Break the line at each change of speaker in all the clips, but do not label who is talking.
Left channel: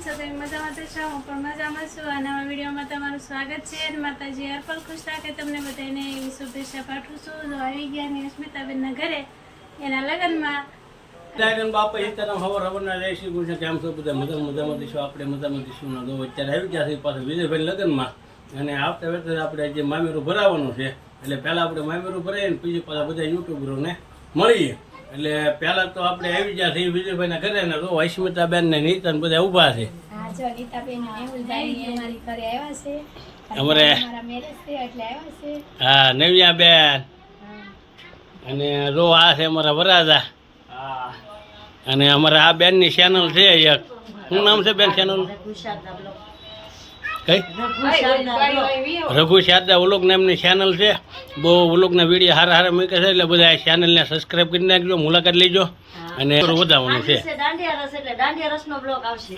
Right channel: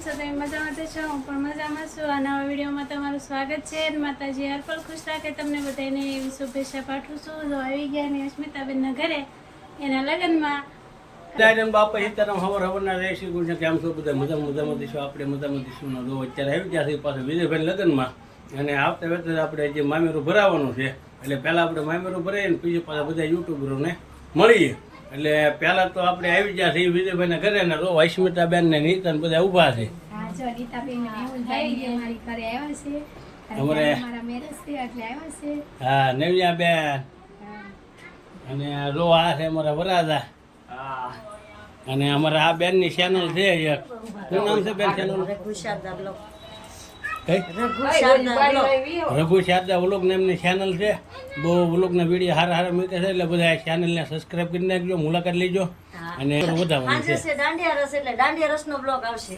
છો? તમે મજામાં તો છો? હું પણ મજામાં છું. આ નવા વિડીયોમાં તમારું સ્વાગત છે. માતાજી હરપલ ખુશ રાખે તમને બધાને એવી શુભેચ્છા પાઠવું છું. જો આવી ગયા મેં સ્મિતાબેનના ઘરે. એના લગ્નમાં
ડાયરન બાપા એ તરફ હવર હવરના રહે શ્રી કૃષ્ણ કેમ છો બધા મજા મજામાં દઈશું આપણે મજામાં દઈશું ના દો અત્યારે આવી ગયા છે પાછા વિજયભાઈ લગ્નમાં. અને આવતા વખતે આપણે જે મામેરું ભરાવાનું છે. એટલે પહેલાં આપણે મામેરું ભરાઈએ ને પછી પાછા બધા યુટ્યુબરોને મળીએ. એટલે પહેલાં તો આપણે આવી ગયા છે વિજયભાઈના ઘરે ને તો અસ્મિતાબેન ને નીતન બધા ઊભા છે.
હા જો નીતાબેન મેહુલભાઈ અમારી ઘરે આવ્યા છે.
અમારે-
હા નવ્યા છે એટલે આવ્યા છે.
હા નવ્યાબેન. અને રો આ છે અમારા વરાજા. અને અમારા આ બેનની ચેનલ છે એક. શું નામ છે બેન ચેનલ કઈ રઘુ શારદા ઓલોક નામની ચેનલ છે. બહુ ઓલોકના વીડિયો હારા હારા મૂકે છે એટલે બધા ચેનલને સબસ્ક્રાઇબ કરી નાખજો મુલાકાત લેજો. અને વધારવાનું છે.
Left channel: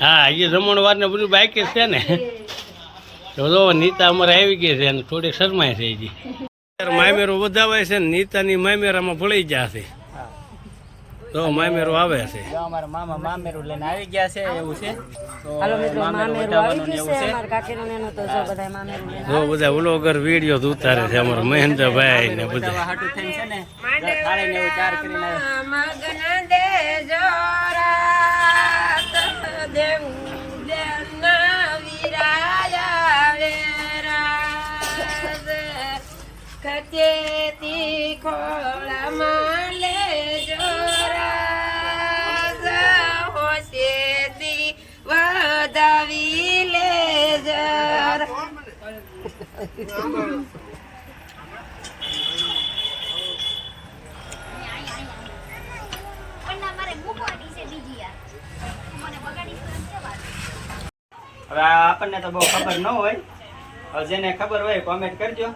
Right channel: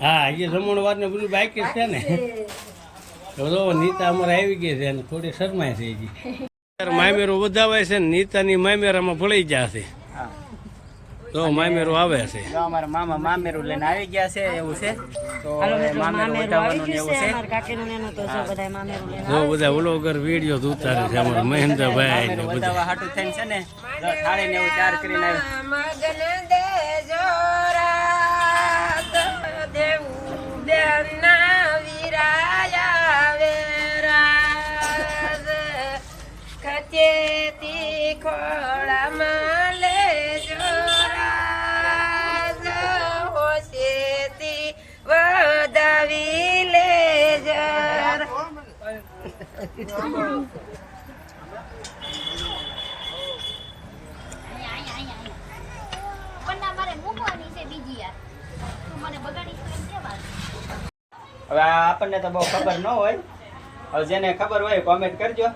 હા એ જમણવાર ને બધું બાઇક છે ને. તો નીતા અમારે આવી ગઈ છે અને થોડી શરમાય છે હજી. મામેરો વધાવાય છે ને નીતાની મામેરામાં ભળી જશે. તો મામેરું આવે છે.
જો અમારા મામા મામેરું લઈને આવી ગયા છે એવું છે. તો મામેરું એવું
છે. જો
બધા વ્લોગર વીડિયો ઉતારે છે અમારા મહેન્દ્રભાઈ ને બધા.
હાટું થઈને છે ને થાળી ને એવું તૈયાર કરીને આવ્યા.
વધાવી
હવે આપણને તો બહુ ખબર ન હોય. હવે જેને ખબર હોય કોમેન્ટ કરજો.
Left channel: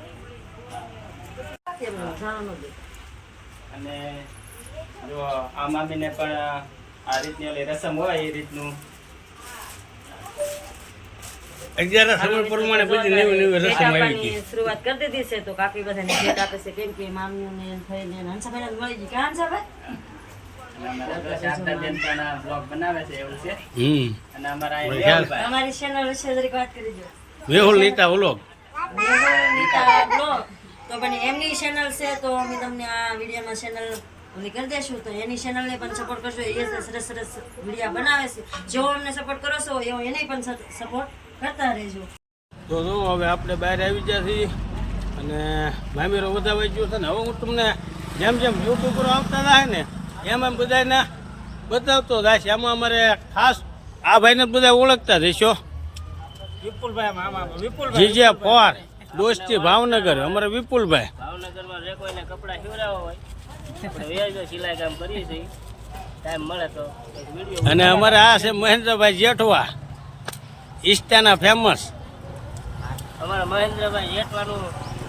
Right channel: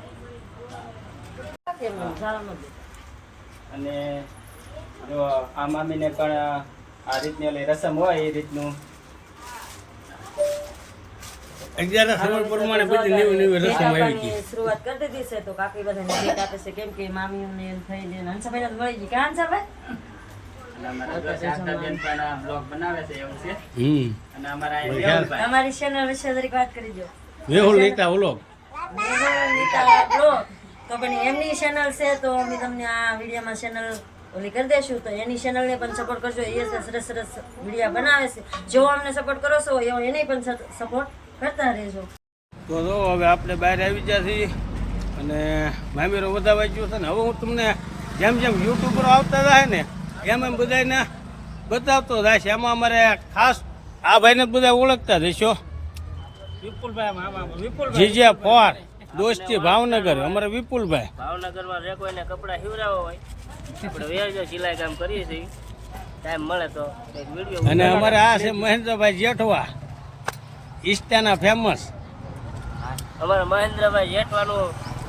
અને જો આ મામીને પણ આ રીતની ઓલી રસમ હોય એ રીતનું
અગિયાર સમય પ્રમાણે બધી નવી નવી રસમ આવી ગઈ.
શરૂઆત કરી દીધી છે. તો કાકી બધાને ભેટ આપે છે કેમ કે મામીઓને ને થઈને ને હંસાભાઈને મળી ગઈ. કે હંસાભાઈ?
અમારા જો શારદાબેન પણ આ બ્લોગ બનાવે છે એવું છે.
હમ.
અને અમારા આ
બરાબર.
મેહુલભાઈ.
તમારી ચેનલ વિશે જરીક વાત કરી દો.
મેહુલ નીતા વ્લોગ.
નીતા બ્લોગ તો પણ એમની ચેનલ છે તો અમે તમને આ વિડીયોમાં ચેનલ ઓલી કરી દેશું. તો એની ચેનલને પણ સપોર્ટ કરજો. એ સરસ સરસ વીડિયો બનાવે છે. જેવો અમને સપોર્ટ કરો છો એવો એને પણ સપોર્ટ કરતા રહેજો.
તો જો હવે આપણે બહાર આવી ગયા છીએ અને મામેરો વધાવાઈ ગયો છે ને હવે હું તમને જેમ જેમ યુટ્યુબરો આવતા થાય ને એમ એમ બધાને બતાવતો થાય છે. એમાં અમારે ખાસ આ ભાઈને બધા ઓળખતા રહેશો
વિપુલભાઈ
જીજે ફોર દોસ્તી ભાવનગર અમારે વિપુલભાઈ.
ભાવનગરમાં જે કોઈને કપડા સીવડાવવા હોય આપણે વેજો સિલાઈ કામ કરીએ છીએ. ટાઈમ મળે તો
અને અમારે આ છે મહેન્દ્રભાઈ જેઠવા. ઈસ્ટાના ફેમસ
અમારા મહેન્દ્રભાઈ જેઠવાનું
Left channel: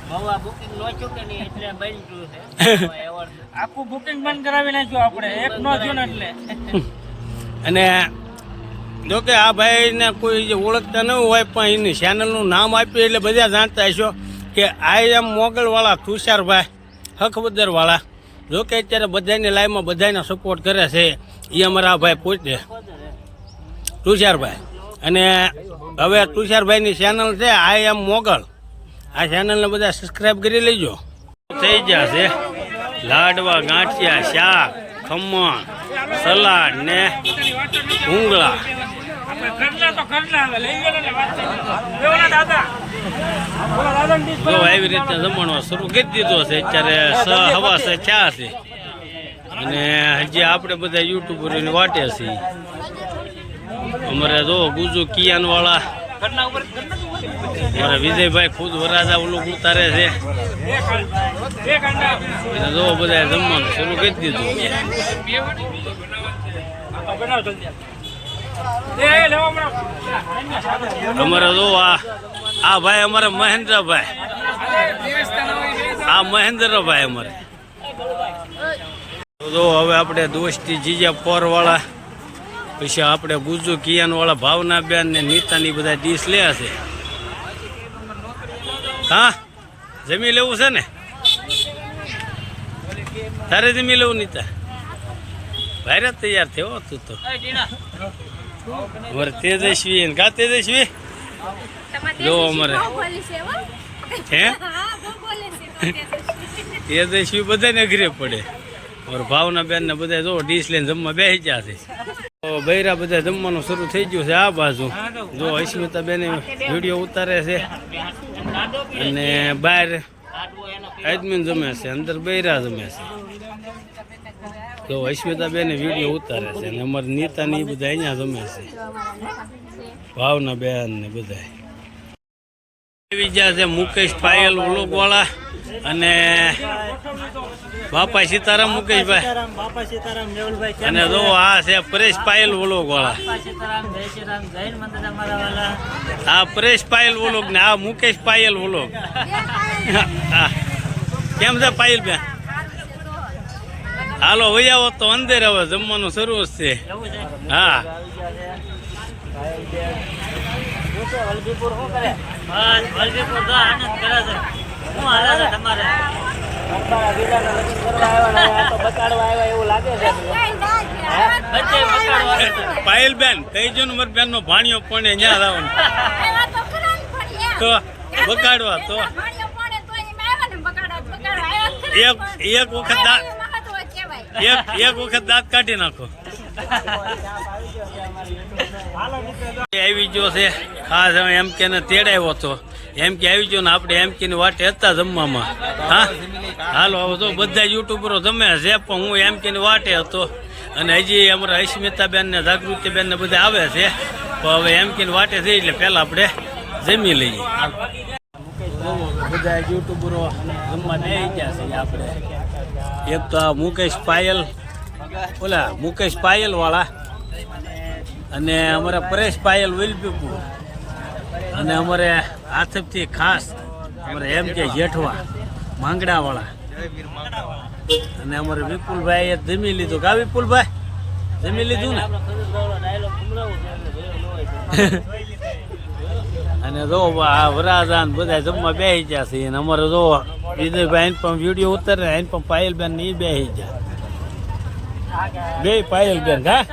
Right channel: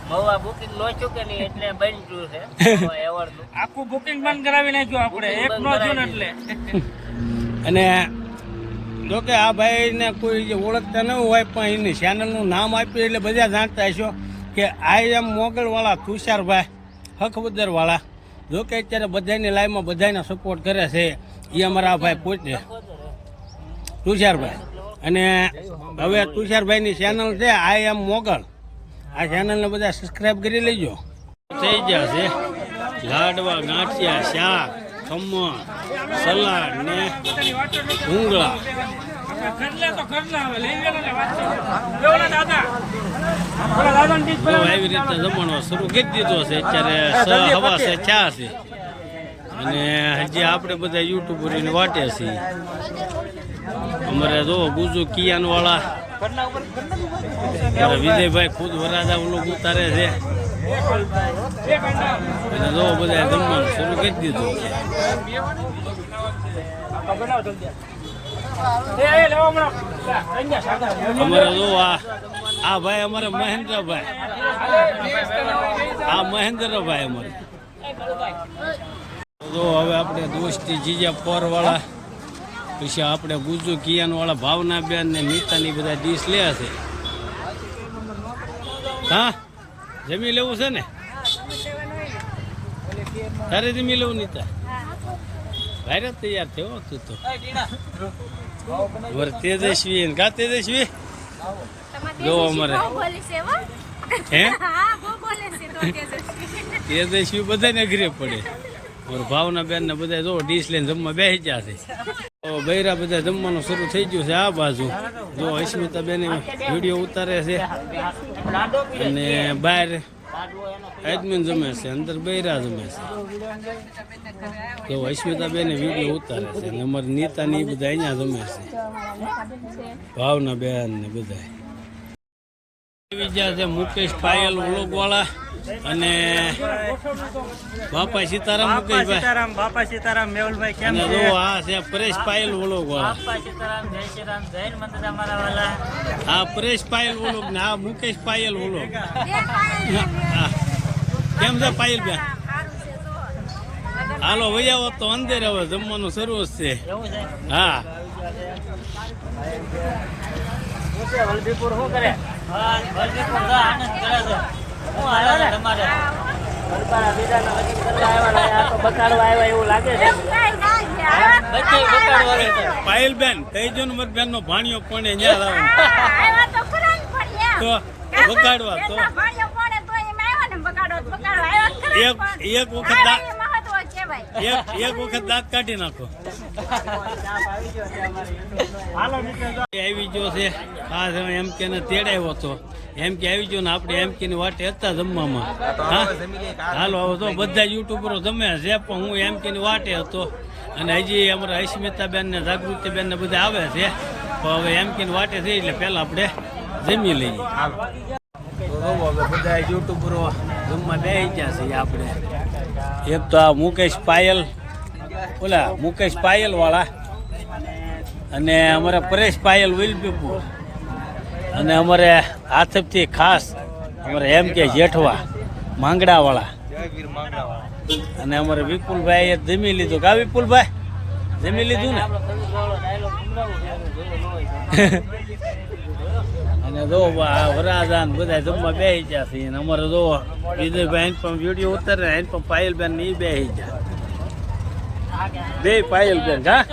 મવા બુકિંગ નો ચૂકે નહીં એટલે બન્યું છે. એવોર્ડનું
આખું બુકિંગ બંધ કરાવી નાખ્યું આપણે. એક નો થયું ને એટલે
અને જો કે આ ભાઈને કોઈ જે ઓળખતા ન હોય પણ એની ચેનલનું નામ આપ્યું એટલે બધા જાણતા હશો કે આઈ એમ મોગલવાળા તુષારભાઈ હકબદરવાળા જો કે અત્યારે બધાની લાઈફમાં બધાને સપોર્ટ કરે છે. એ અમારા આ ભાઈ પોતે. તુષારભાઈ. અને હવે તુષારભાઈની ચેનલ છે આઈ એમ મોગલ. આ ચેનલને બધા સબસ્ક્રાઈબ કરી લેજો. થઈ છે લાડવા, ગાંઠિયા, શાક, ખમણ, સલાડ ને ભૂંગળા જો આવી રીતે જમણવા શરૂ કરી દીધો છે, અત્યારે હવા છે ચા છે. અને હજી આપણે બધા યુટ્યુબરની વાટે છીએ. અમારે જો ગુજુ કિયાન વાળા અમારે વિજયભાઈ ખુદ વરાજા ઓલું ઉતારે છે. જો બધા જમવાનું શરૂ કરી દીધું અમારે જો આ આ ભાઈ અમારે મહેન્દ્રભાઈ. આ મહેન્દ્રભાઈ અમારે. જો હવે આપણે દોસ્તી જીજા પોર વાળા પછી આપણે ગુજુ કિયાન વાળા ભાવના બેન ને નીતાની બધા ડીશ લે છે. હા જમી લેવું છે ને? તારે જમી લેવું નીતા? ભારે તૈયાર થયો તું તો. અમારે તેજસ્વી કા તેજસ્વી? જો અમારે.
હો. તેજસ્વી.
બધાને ઘરે પડે. ઓર ભાવના બેન ને બધા જો ડીશ લઈને જમવા બેસી ગયા છે. બૈરા બધા જમવાનું શરૂ થઈ ગયું છે આ બાજુ. જો અસ્મિતા બેન વીડિયો ઉતારે છે. અને બહાર એડમિન જમે છે, અંદર બૈરા જમે છે. તો અસ્મિતા બેન વીડિયો ઉતારે છે અને અમારી નીતા ને એ બધા અહીંયા જમે છે. ભાવના બેન ને બધા આવી છે મુકેશ પાયલ વાળા અને બાપા સીતારામ મુકેશભાઈ.
બાપા સીતારામ મેહુલભાઈ
અને જો આ છે પરેશ પાયલ વ્લોગ વાળા આ પરેશ પાયલ વ્લોગ ને આ મુકેશ પાયલ હા. કેમ છે પાયલ બેન? હાલો વહી આવો તો અંદર હવે જમવાનું શરૂ છે. હા.
કરે?
પાયલ બેન કઈ જો મારી બેન નો ભાણિયો પણ અહીંયા લાવવાનો
તો
બગાડવા તો. એક એક વખત દા-
આવ્યા એ મહત્વ કહેવાય.
એક એક વખત દાંત કાઢી નાખો. આવી ગયો છે. ખાસ હવે એમ કે તેડાવ્યો હતો. એમ કે આવી ગયો ને આપણે એમ કે વાટે હતા જમવામાં. હા? હાલો હવે તો બધા યુટ્યુબરો જમે છે પણ હું એમ કે વાટે હતો. અને હજી અમારા અસ્મિતાબેન ને જાગૃતિબેન ને બધા આવે છે. પણ હવે એમ કે વાટે છે એટલે પહેલાં આપણે જમી લઈએ. હાલો. તો બધા યુટ્યુબરો જમવા બે ગયા છે આપણે. એક તો આ મુકેશ પાયલ ઓલા મુકેશ પાયલ વાળા અને અમારા પરેશ પાયલ વિલપીપુર. અને અમારે આથપથી ખાસ અમારે એમ કે જેઠવા માંગડા વાળા અને અમારે વિપુલભાઈ એ જમી લીધું. કા વિપુલભાઈ? જમી લીધું ને?
આપણો ખજૂરભાઈ ડાયલોગ સંભળાવું છે એને જોયો ન હોય તો.
અને જો આ વરાજાન બધા જમવા બેસી ગયા છે. અને અમારે જો વિજયભાઈ એન પણ વીડિયો ઉતરે એન પણ પાયલબેન ને એ બેસી ગયા. બે પાયલબેન હા?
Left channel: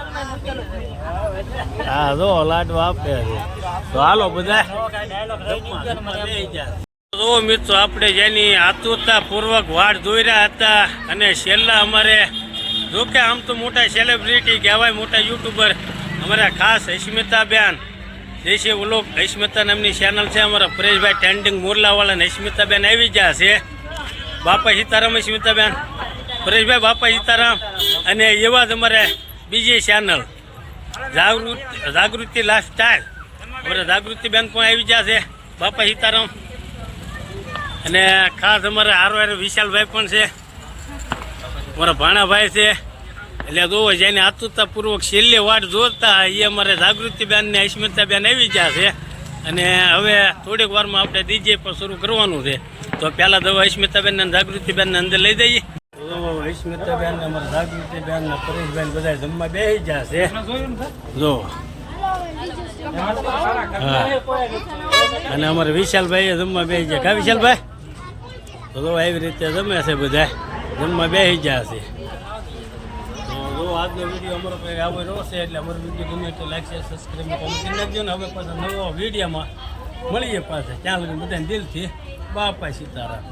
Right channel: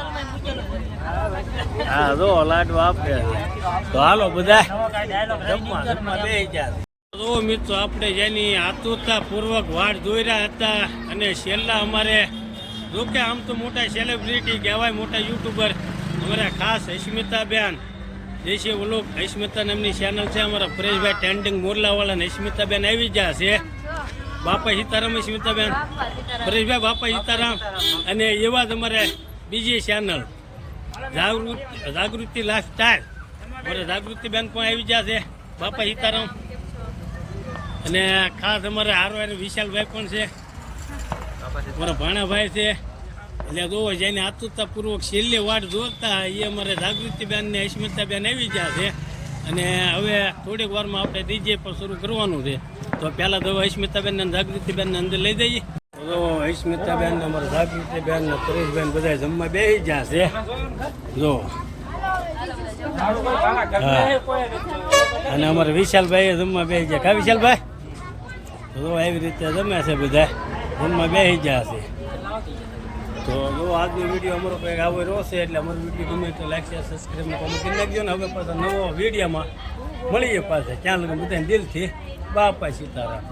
હા જો લાડવા આપે તો હાલો બધા જમવા જમવા બે ગયા તો મિત્રો, આપણે જેની આતુરતા પૂર્વક વાડ જોઈ રહ્યા હતા અને છેલ્લા અમારે, જો કે આમ તો મોટા સેલિબ્રિટી કહેવાય, મોટા યુટ્યુબર અમારા ખાસ હૈસ્મિતાબેન જે છે ઓલો હૈસ્મિતા નામની ચેનલ છે અમારા, પરેશભાઈ ટેન્ડિંગ મોરલાવાળા ને અસ્મિતાબેન આવી ગયા છે. બાપા સીતારામ અસ્મિતાબેન પરેશભાઈ બાપા સીતારામ અને એવા જ અમારે બીજી ચેનલ જાગૃતિ જાગૃતિ લાઈફસ્ટાઈલ અમારા જાગૃતિબેન પણ આવી ગયા છે. બાપા સીતારામ. અને ખાસ અમારે હારો વિશાલભાઈ પણ છે. અમારા ભાણાભાઈ છે. એટલે જોવો જેને આતુરતાપૂર્વક છેલ્લે વાટ જોતા એ અમારે જાગૃતિ બેન ને અસ્મિતાબેન આવી ગયા છે. અને હવે થોડીક વારમાં આપણે ડીજે પણ શરૂ કરવાનું છે. તો પહેલાં દવા અસ્મિતાબેન ને જાગૃતિબેન ને અંદર લઈ જઈએ. તો અસ્મિતાબેન ને, અમારા જાગૃતિબેન ને પરેશબેન બધા જમવા બેસી ગયા છે. જો. હા. અને અમારે વિશાલભાઈ જમવા બે ગયા. કા વિશાલભાઈ? તો જો આવી રીતે જમે છે બધા. જમવા બેસી ગયા છે. તો જો આજનો વીડિયો અમારો કંઈક આવો રહ્યો છે, એટલે અમારો વીડિયો ગમે તો લાઈક શેર સબસ્ક્રાઈબ કોમેન્ટ કરી નાખજો ને હવે પાછા નવો વિડીયોમાં મળીએ પાછા. ક્યાં લગન? બધાને દિલથી. બાપા સીતારામ.